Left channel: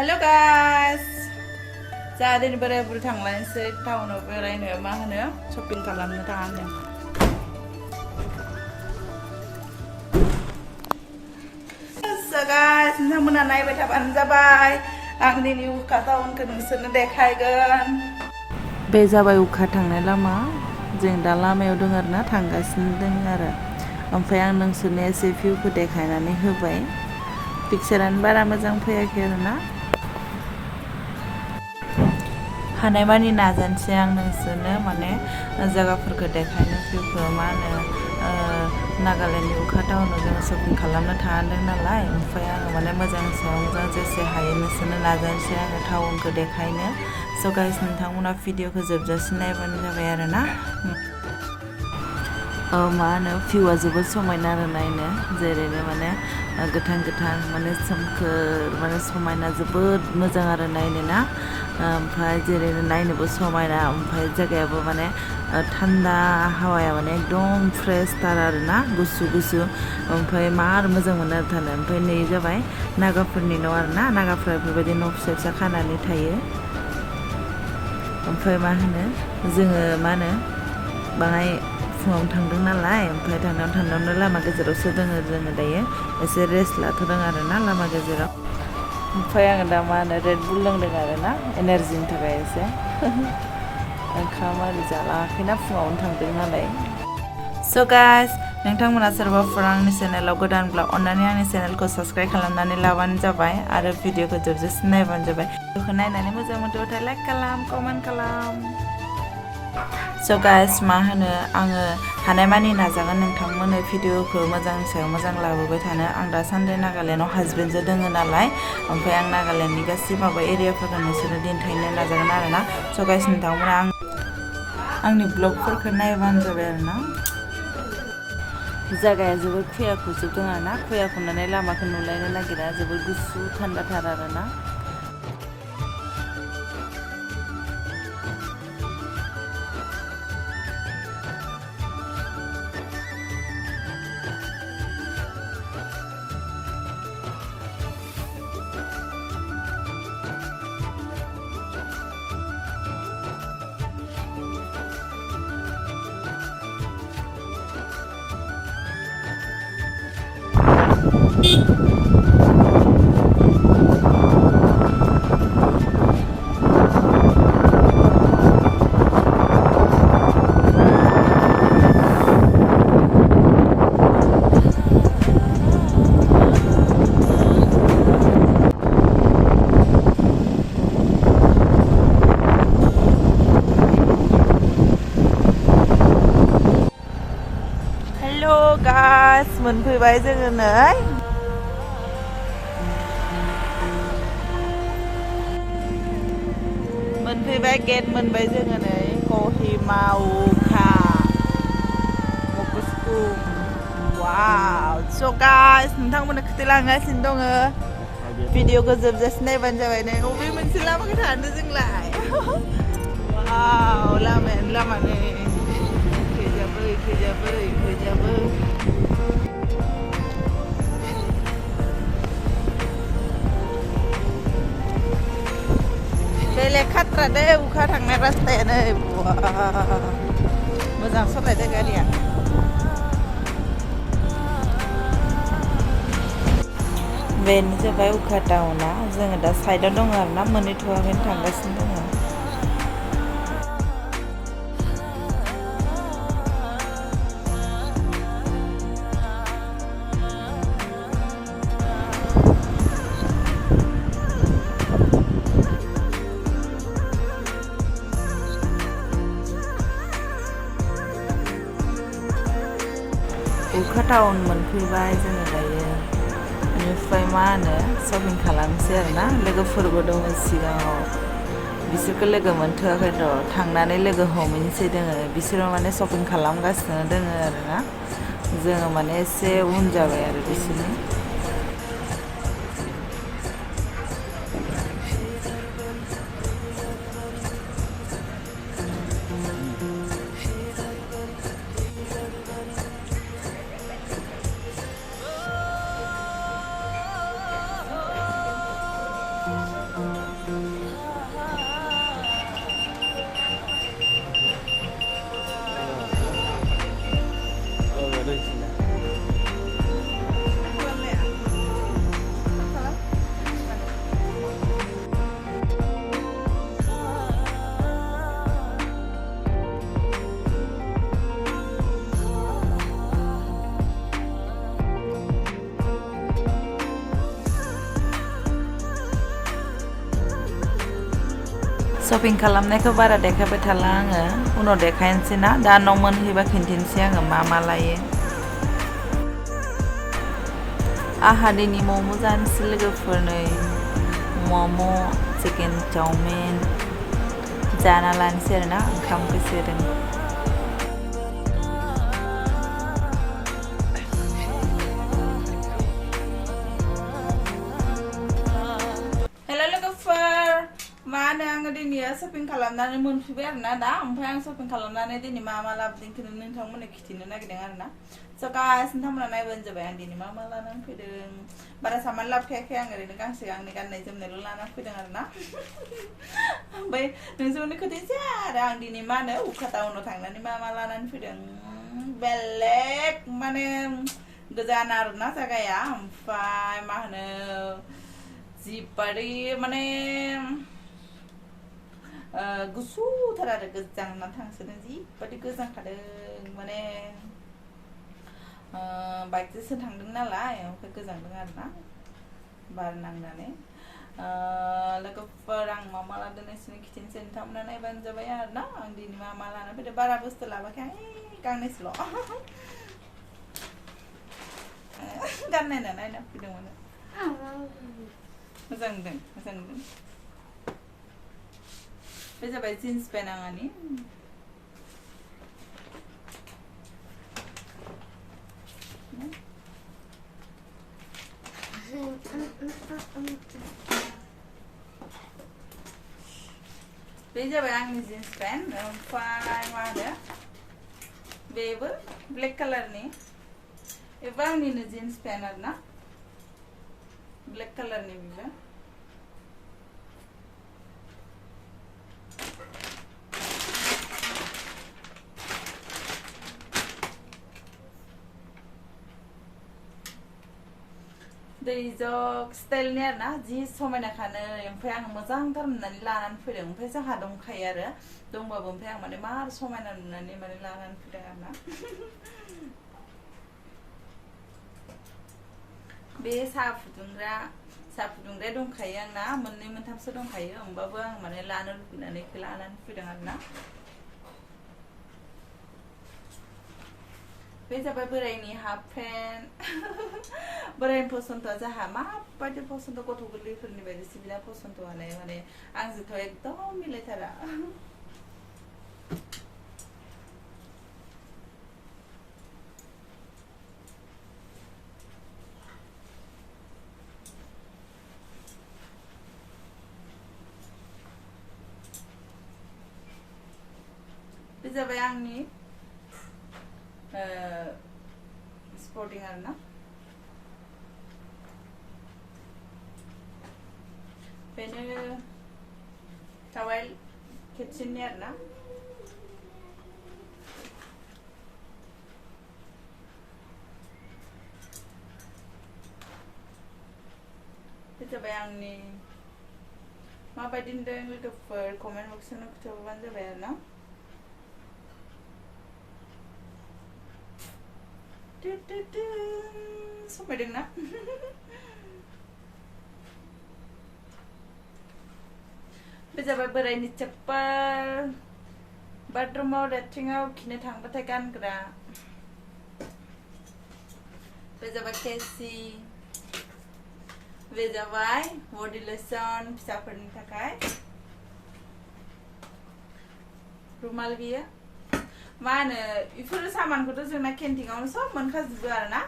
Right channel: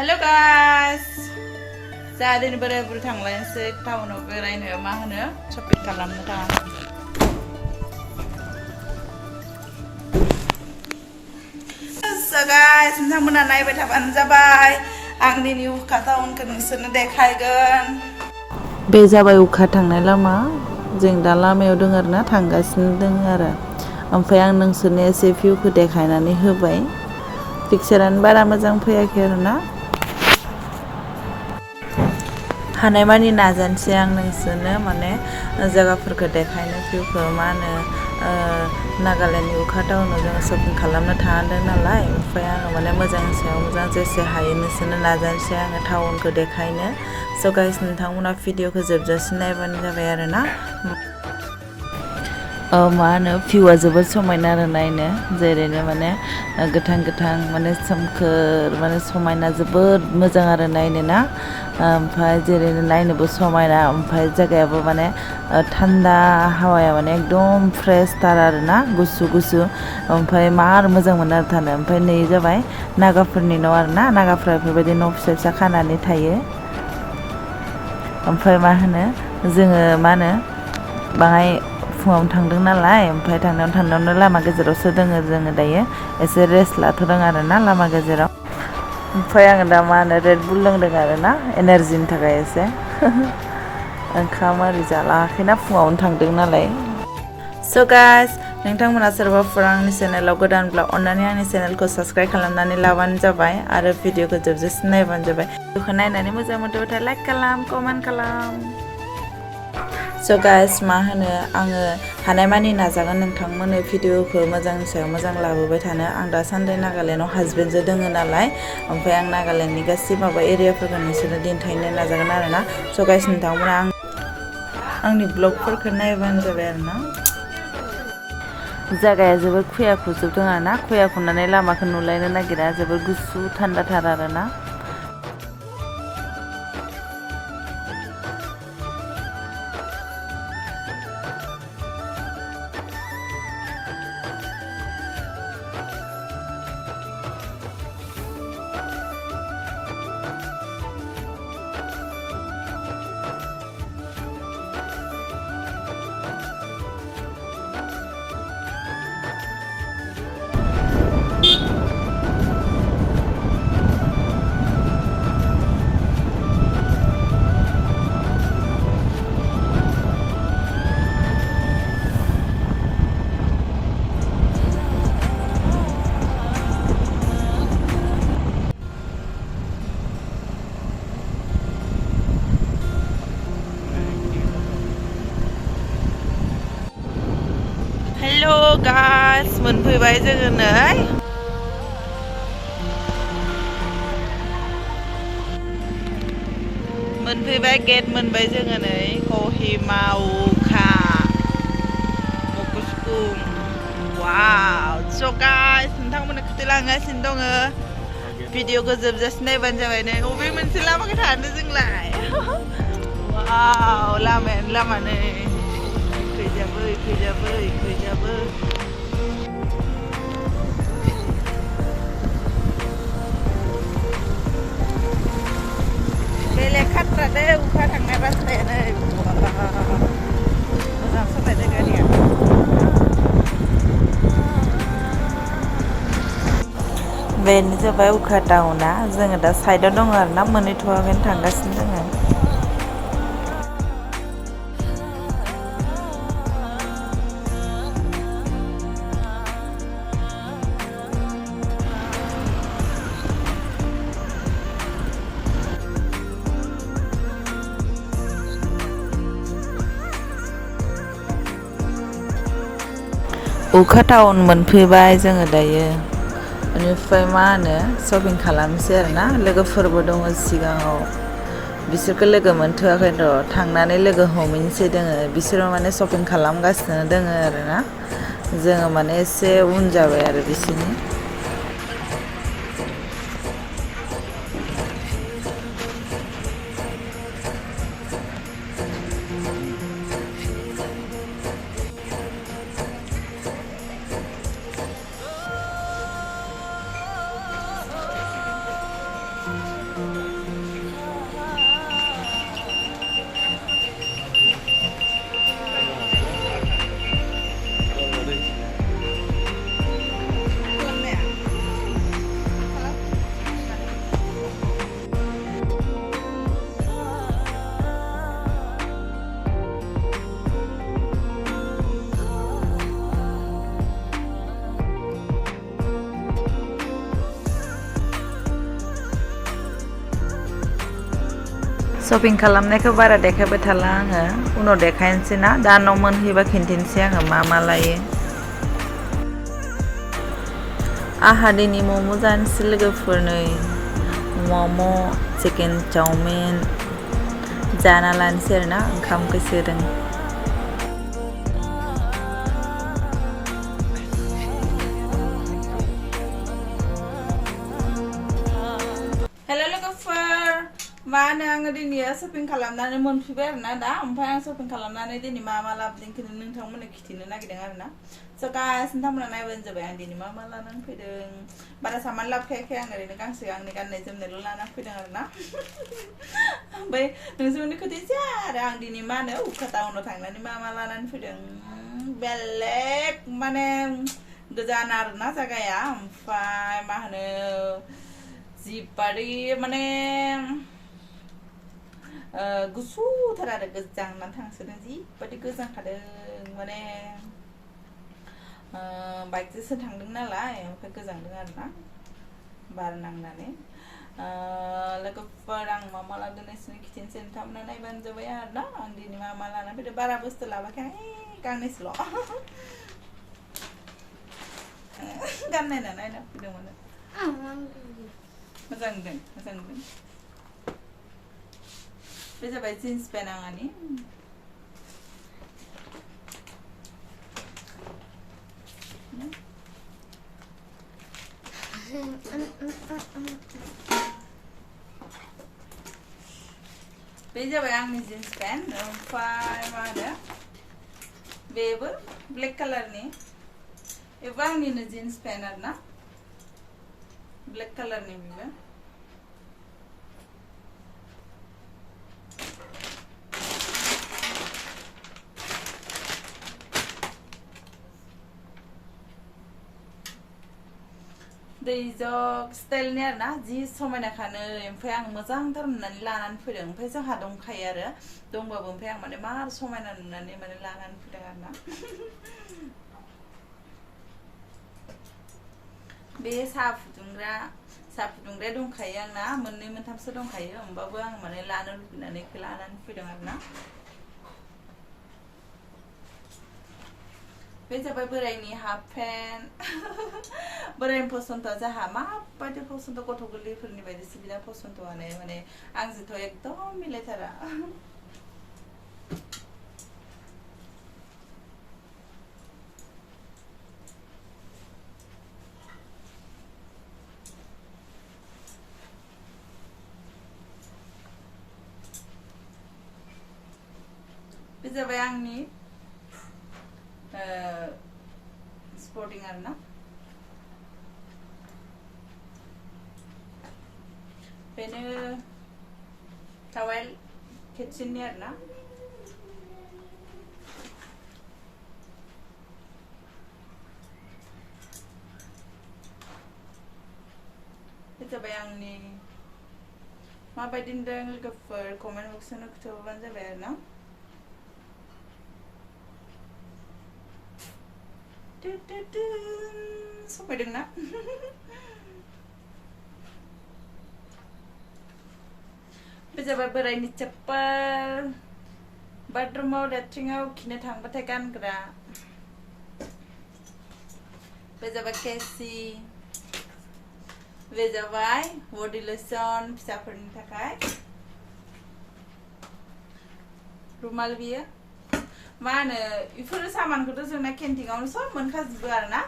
Hello guys, जा दिनै बोराय बुरै थांलायनोसै टाउनाव बेरायनो मा होनो शपिं खालामनो थाङा। So guys, नोंथांमोना नायबाय थाबानो जाबाय आंनि wokha टाउनखौ नोंसोरनो देखायगोन। बे जाबाय wokha थांनाय लामा जों दा लामायाव दङ आरोना थांगासिनो दङ आरो ओमफ्राय आं नोंसोरनो एसे भिउखौ देखायनानै होबाय पिक्चारानो बारा मोजां फैयाखै आरोना हानायमानि नाजानोसै आं नोंसोरनो माने जायगाफोरखौ देखायनो भिउखौ मा होनो नागालेण्डनि wokha टाउनाव जोङो शपिं खालामनो थांदों नालाय ओमफ्राय आङो माने मोजांनि सायाव मोजां जेसे हायो नोंसोरनो नाजानोसै आङो टाउनखौ देखायनो। स' गाइस नोंथांमोना भिडिअखौ जोबजासिम नायबानो जाबाय आरोना मा होनो भिउआ जोबोद समायना आरो नायनो जेरैनो माने गोथां गोथां माने सोमखोर माने समायना जोबोद मोजां आरो नायनो ना ओमफ्राय जेरैनो नायनोबो समायना ओमफ्राय जायगायाबो माने थान्दा हावाया माने एकदम फ्रेश थार आरोना गुसु गुसु ओमफ्राय मार मोजां मोनो आरो थानो ओमफ्राय नै जाबाय नागाफोरनि न' आरोना नागाफ्रा बेफोरबायदि न' फिसा फिसा खानानै थायो ओमफ्राय मा होनो जोङो मा होनो बाहाय फुङावनो थांदों नालाय ओमफ्राय थांनायावनो लामा गेजेरावसो दोङो जोङो दायो एसे रेस्ट लाथ'दों आरोना लामा गेजेराव ओमफ्राय आङो दा मा होनो रेड बुल लोंदों आरोना एनार्जिनि थाखाय एसे ओंखाम आरि जालाङाखैना फुङावनो थांदों नालाय। स' गाइस नोंथांमोना सोरबाफोर आंनि चेनेलाव गोदानब्ला अन्नानै आंनि चेनेलखौ साबस्क्राइब खालामनानै लाबानो जाबाय आरो भिडिअखौ जोबजासिम नायबानो जाबाय भिडिअखौ नायनानै मोजां मोनदोंबाथाय लाइक खालाम कमेन्ट खालाम। स' गाइस मा होनो आङो हानायमानि नाजागोन नोंथांमोननो भिडिअखौ मोजांनि सायाव मोजां लाबोबाय थानो आं दासान्दि नागालेण्डआव हासबेन्डजों दोङो नालाय ओमफ्राय आं नागालेण्डनि गासै माबा एरियाफोरखौ नोंसोरनो दिन्थिनो नाजागोन आरोना स' गाइस नोंथांमोना आंनि ब्लगफोरखौ नायबानो जाबाय आरोना जायगाया जोबोद खुया खुजोबदों आरोना खुया खुनानै लामाखौ नुलायनो नागिरा जोबोद गुसु थान्दाथार आरोना हेलो गाइस मोनफैबाय जोङो नै मोनफैबाय गेट मोनबाय जोङो नै कहिमा wokha मकुसकुं वाव स' गाइस नोंथांमोननो खोथालांगासिनो दङ भिडिअखौ जोबजासिम नायबानो जाबाय नै बबे मोनसे लामाखौ थानो जोंलाय वाव लामायानो लामा नै खैजाबो बेलेग खाथ्रा दे wokha थांनाय रास्तायानो मोजां सालायदो गारिया बेनो जाबाय wokha टाउना जोङो दा साइडआव दङ आरोना मोनहैथ'वाखैनो थांगासिनो दङ wokha टाउन मोनफैबाय जोङो दायो बेनिफ्राय मा होनो शपिं खालामनोसै आरोना लोगोफोरबो दङ सिगाङाव बिसोरखौ लोगो मोनथ'वाखै र' थांनानै लोगो हमहैनोसै दोङो बिसोरो माने शपिं खालामगासिनो दोङो आरोना जोङो माने एसे उन जाबाय आरो बिसोरनि शपिं खालामनायखौ बारा देखायबाय थाला आङो उनाव देखायनोसै ना दा न' मोनहैबा खिन्थिनोसै आङो मा लायो आहा दिनै मम' जानोसै लोगोफोर नै मम' चिकेन चाउमिन जाना लानोसै आरोना ओंखामखौ सोदों हेल' लोगोफोर मा होनो आङो दिनै शपिं खालामनानै मोनफैबाय आरोना दा ओमफ्राय आं शपिं खालामनानै दिनै मा लाबोदों खिन्थु नोंथांमोननो खिन्थिनो नागिरदों आरोना स' गाइस नोंथांमोना नायबानो जाबाय आं दिनै मा लानानै फैदों बारा सामान लाबोखायाखै आं ओरैनो गांसे गांनै गाननाय जोमनायल' लानानै फैदों आरोना ओमफ्राय नोंसोरनो खोथायसै आरो आं दिनै मा होनो वokha टाउनाव थांनानै मा लानानै फैदों बेलेग माने गोजान आरोना जायगाया ओमफ्राय मा होनो जिबारि माने गुसुथार आरो गोजांनानै थांसोदों जिबायदि गोजांखादों माने बाइकजोंसो थांदों नालाय ओमफ्राय गोजांदों आरोना बार नांनानै लोगोफोर आं मा लादों नोंसोरनो खिन्थिनोसै नोंथांमोना नायबानो जाबाय आरोना आं दिनै मा लाना फैदों बारा बुस्थु लाबोयाखै आं गांनैसोल' गाननायना नायना फैदोंमोन मोजां नुदों बे जाबाय जिन्स पेन्ट आंनि बे जाबाय आंनि जिन्स पेन्ट ओमफ्राय मा होनो बेबो ब्लेक कालारनि बेबो आंनिनो जिन्स पेन्ट आरोना ब्लेक कालारनि बेबो दैजग स्टाइलनि आरोना जि समायनाखानो ओमफ्राय आं मोजांथार नुनानै लानानै फैदों ओमफ्राय जोंहा दंखायो आरो दंबाबो ओमफ्राय आं माने मार समायना नुनानै माने लानानै फैदों आरोना बे साहा फुदुंग्राया दंखायो आंना मोननै मोनथामसो दंखायो होमबाबो आं माने लानो लुबैनानै लानानै फैदों आरोना बे जाबाय बोरायनि हाफ पेन्ट बोरायनि पसन्द जोंहा माबायदि पसन्द गथ' गोरलैफोरनि बायदिसो बिना पसन्दआनो माने आंजोंथ' एकदम मिलायथारा बे जाबाय आंनि स्पर्टिं आरोना बेनो टावेल किचेननि आरोना बे जाबाय आंनि माबायदि नुदों लोगोफोर कमेन्ट बक्सआव खोन्थाहरबानो जाबाय आरोना समायदोंना बे जाबाय बोरायनि चप्पल बाथरुमाव लेट्रिनाव खिनो थांबाथाय गानग्रा बे जाबाय केसि बे जाबाय बडि लोशन फिसाफोरनि थाखाय रुमाल बियो मा होनो बेफोर सामानखौथ' जोंना केन्टिंआवनो सब मोनखाजोबो आरोना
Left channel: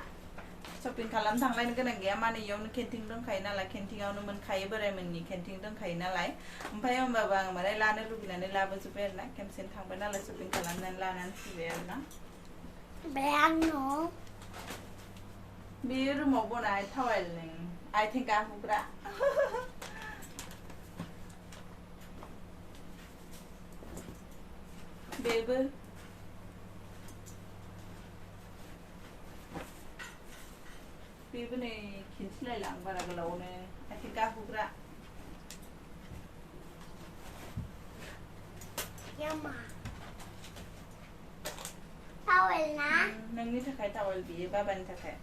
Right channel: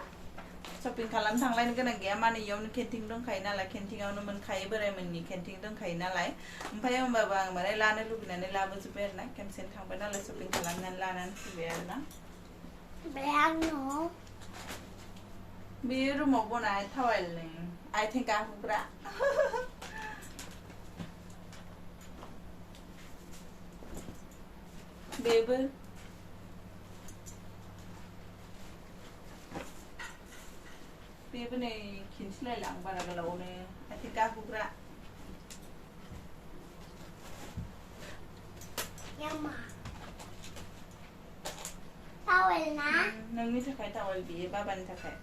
शपिं खालामनो थांलायनो गोनां गैया माने इयावनो केन्टिं दंखायो नालाय केन्टिंआवनो मोनखायो बोरायमोननि केन्टिं दंखायो नालाय ओमफ्राय होमबाबो आं माने लानो लुबैनानै लाबोजोब्बाय आरोना खेमसेनो थांबाय नालाय शपिं खालामनानै लानानै फैबाय आरोना बेयो रुमाव बनाय टावेल नै आथिं गाहुग्रा बेबो बेबो नै खिन्थिलायलां बारा गोलावनो आथिं गाहुग्रा टावेल ना नोंनि थाखाय टावेल बेयो बाबानि थाखाय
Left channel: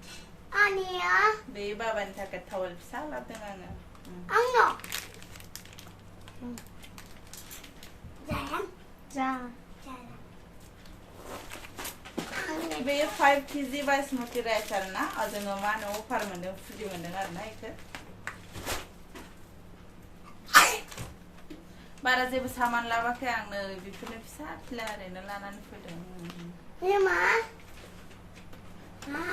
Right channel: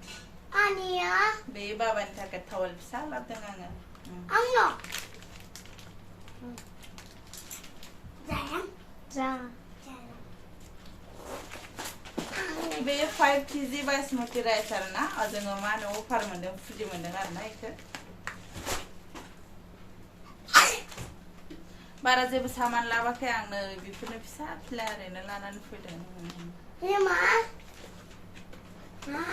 आनिया बेयो बाबानि थाखाय टावेल फिसा लाबोदों आङो आंनो Dạ. बे 5 kg बासमती राइस आरो ना जोङो मा होनो अफार मोनदों फ्रि मोनदों आरो ना इखो बारा जेबो सामान लाबाखै आं नै बेफोरनो फिसा फिला ओरैनो लानानै फैदों Mama. Mama.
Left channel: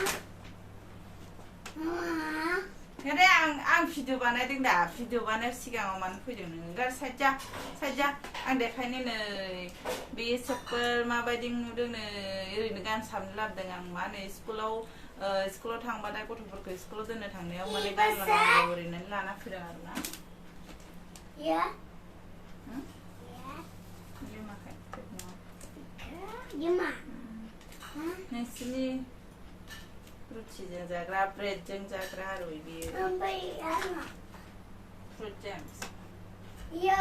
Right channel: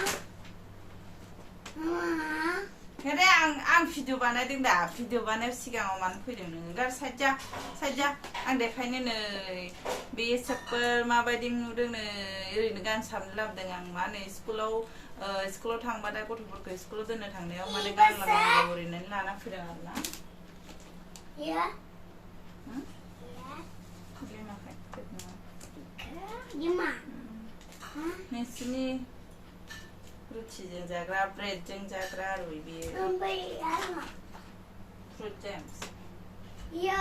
हेरे आं भिडिअ बानायदों दा भिडिअ बानाय सिगाङाव मानो फैदों नों गार साइड जा आं देखायनो नै बे सेपल माबायदि नुदों नै ओरैनो गानसाबनो लाबोदों आं मा होनो स्कुलाव थांबादा गथ'फोरखौ स्कुलाव दोननो थांनायाव माने गानलांनांगौ ओरैनो लाना फैदों आरो ना Dạ. लिमाखै Dạ mà. नोंसिनि रुटिजों जाग्रा ब्रेडजों जाग्रा आरो बेयो Không biết ăn mà. Fruit James Dạ.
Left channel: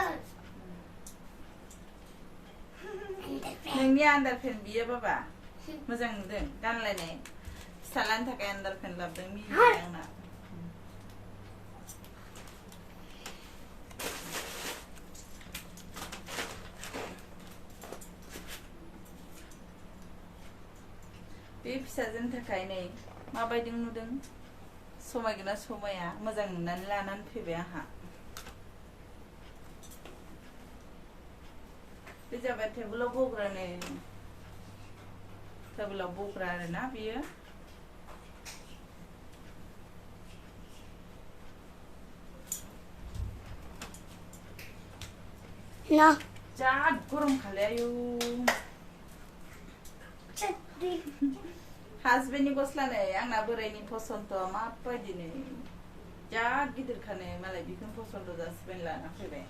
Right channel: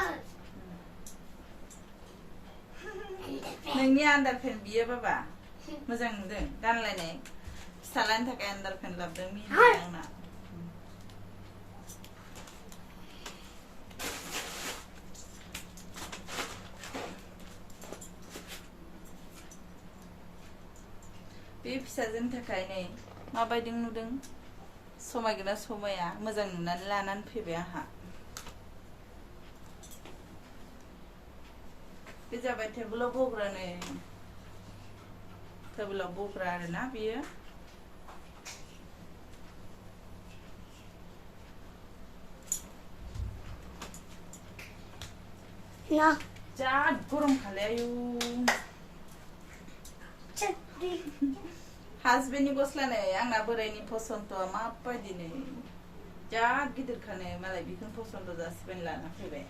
नोंनि आन्डारपेन बियो बाबा मोजां नुदों गानलायनाय फिसालानि थाखाय आन्डारपेन लाबोदों मिनि आंना बे फिसाजोनि थाखाय नै माबायदि नुदों समायगोना समाया मोजां नुनानै लानानै फैबाय आंहा बे जाबाय टेबोलाव बग्रा नै टेबोलाव बग्रा आरो ना बियो Nó. जा गरम खालाय आयु Chết đi. हासबेन्डनि गस्ला नै आंना बोरायनि पसन्दआ माबायदि नै जा गिदिर खानाय मालाय बेखौनो पसन्द जासिबाय लाना फैबाय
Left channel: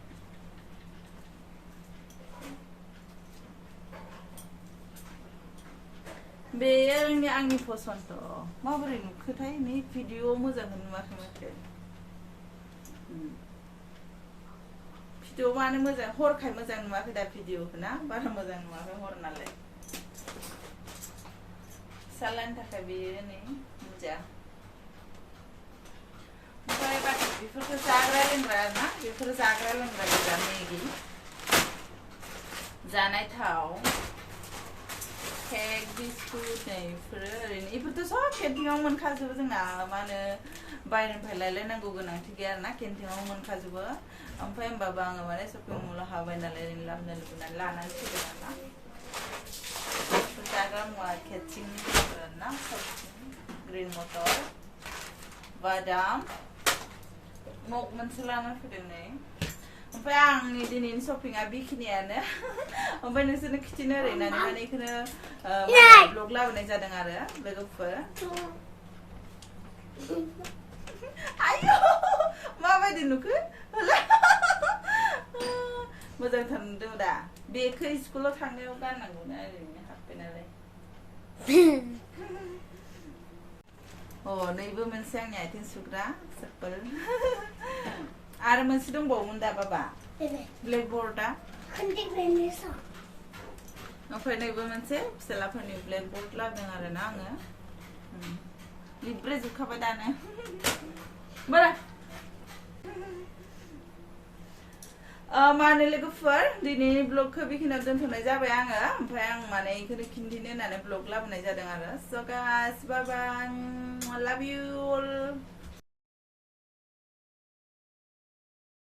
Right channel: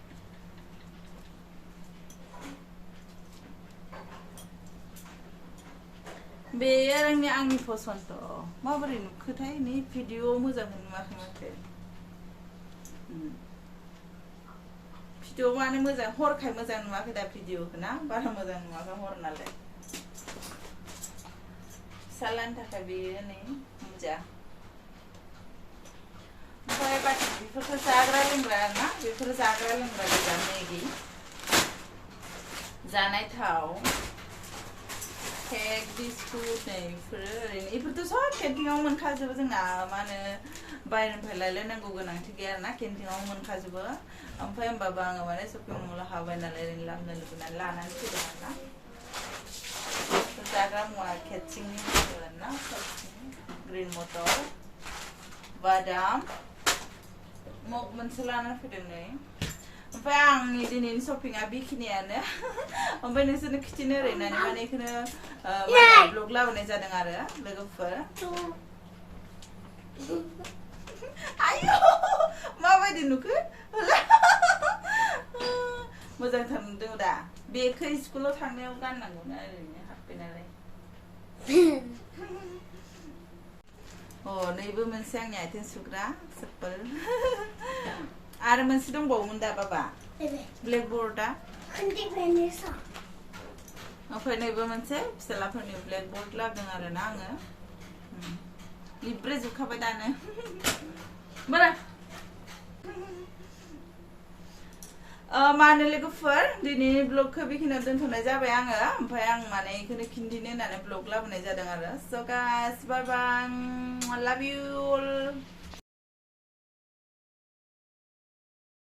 बे आंनि पसन्द माबोरै नुखोथाय नै भिडिअ मोजां नुवाखै माथो भिडिअ माने मोजां हरखाय मोजां नुवाखै दा भिडिअखौ ना बारा मोजां नुवाखै हर नालाय फिसालानि थाखाय बेयो नै मोजां ओमफ्राय बाखि बेफोरखौ जाग्रा लोंग्रा ना बेफोर जाग्रा लोंग्रा गोजा मेगि जानाय थाव केक बिस्कुट नै बेफोरो ओरैनो बेफोरथ' सब केन्टिनाव मोनखाजोबो जोंना मा होनो बायनिफ्राय लायलायनांगौ गोनांथि गैया आरोना केन्टिनाव मोनखाजोबो ओमफ्राय होमबाबो आङो माने शपिं मलाव हाबबाय नालाय ओरैनो लाबोनो लुबैनानै लानानै फैदों आरोना जाग्रा मुवा खेचिंनि ना ग्रिन मटर बादाम मग मोनसे लानानै फैदों नै ओमफ्राय आंनि दिनैनि शपिंआ बेखिनियानो ओमफ्राय नोंसोरनो खिथिनो ओरैनो माने बेखौनो ब्लग लाबोनाय जादों आरो लोगोफोर आयौ माबायदि नुखो मोजांथार नुदों दा बेखौ स्कुलाव थांनायाव गाननांगौ ना ओरैनो हाबबाय नालाय अ नैबो मोनसे आंनि आथिं सुग्रा सेपल आरो मोनसे दंबावोमोन दा बाबा ब्लेकबर्डआ ओमफ्राय नैबो मोनसे फिसालाफोरनि ब्लेकबर्ड लाबोदों आरो ना आङो लिब्रे जोबखाबाय दानो बारा मानो लोगोफोर दिनैनि ब्लगखौ बेखिनियाव दोनथ'नाय जाबाय आङो ओमफ्राय आं माने बेखौनो खिन्थिनो होननानै ब्लग लाबोनाय जादों आरो स' गाइस बाय बाय लाभ इउ